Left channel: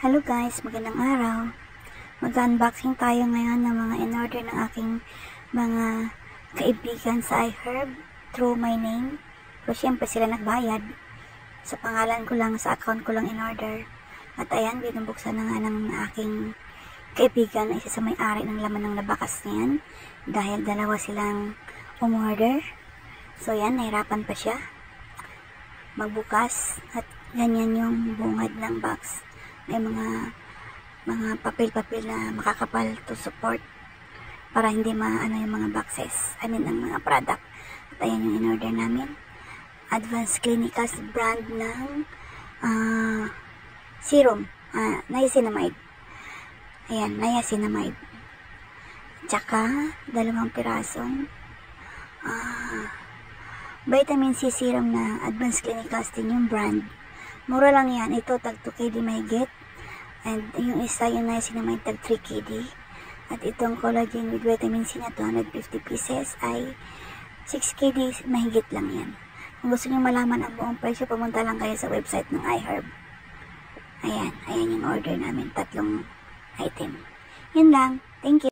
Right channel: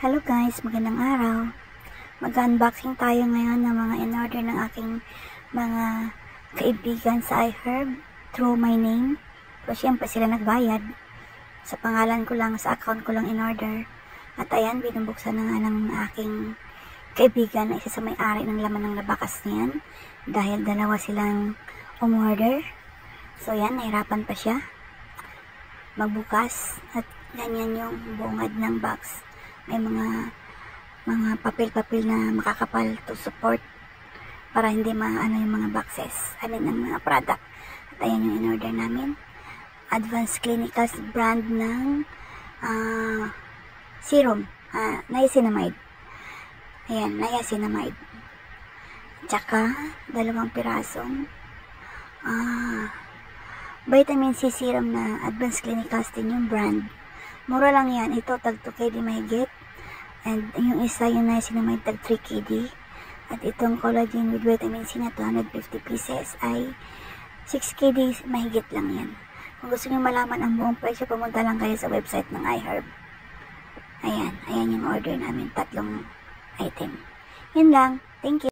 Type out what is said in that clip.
Hello guys, magandang araw. Mag-unboxing tayo ngayon ng mga in-order ng aking mga kaibigan sa iHerb through my name. So, syempre sila nagbayad. Sa pangalan ko lang, sa account ko lang in-order. At ayan, binubuksan na nga ng aking kaibigan na isa sa may-ari ng laman ng labakas niyan. Dahil dalawa silang umorder. So, yan, nahirapan pa siya magbukas. At ganyan yung bungad ng box. May mga papel-papel na makakapal to support para hindi maano yung mga boxes. I mean, ang mga product. At ayan yung in-order namin. Advanced Clinicals brand ng serum. Niacinamide. Ayan, niacinamide. Tsaka, 2 pirasong vitamin C serum na Advanced Clinicals din yung brand. Mura lang yan. Ito, tag 2 KD mahigit. And yung isa, yung niacinamide, tag 3 KD. At itong collagen with vitamin C na 250 pieces ay 6 KD mahigit lang yan. Kung gusto nyo malaman ang buong presyo, pumunta lang kayo sa website ng iHerb. Ayan. Ayan yung order namin. 3 item. Yun lang. Thank you.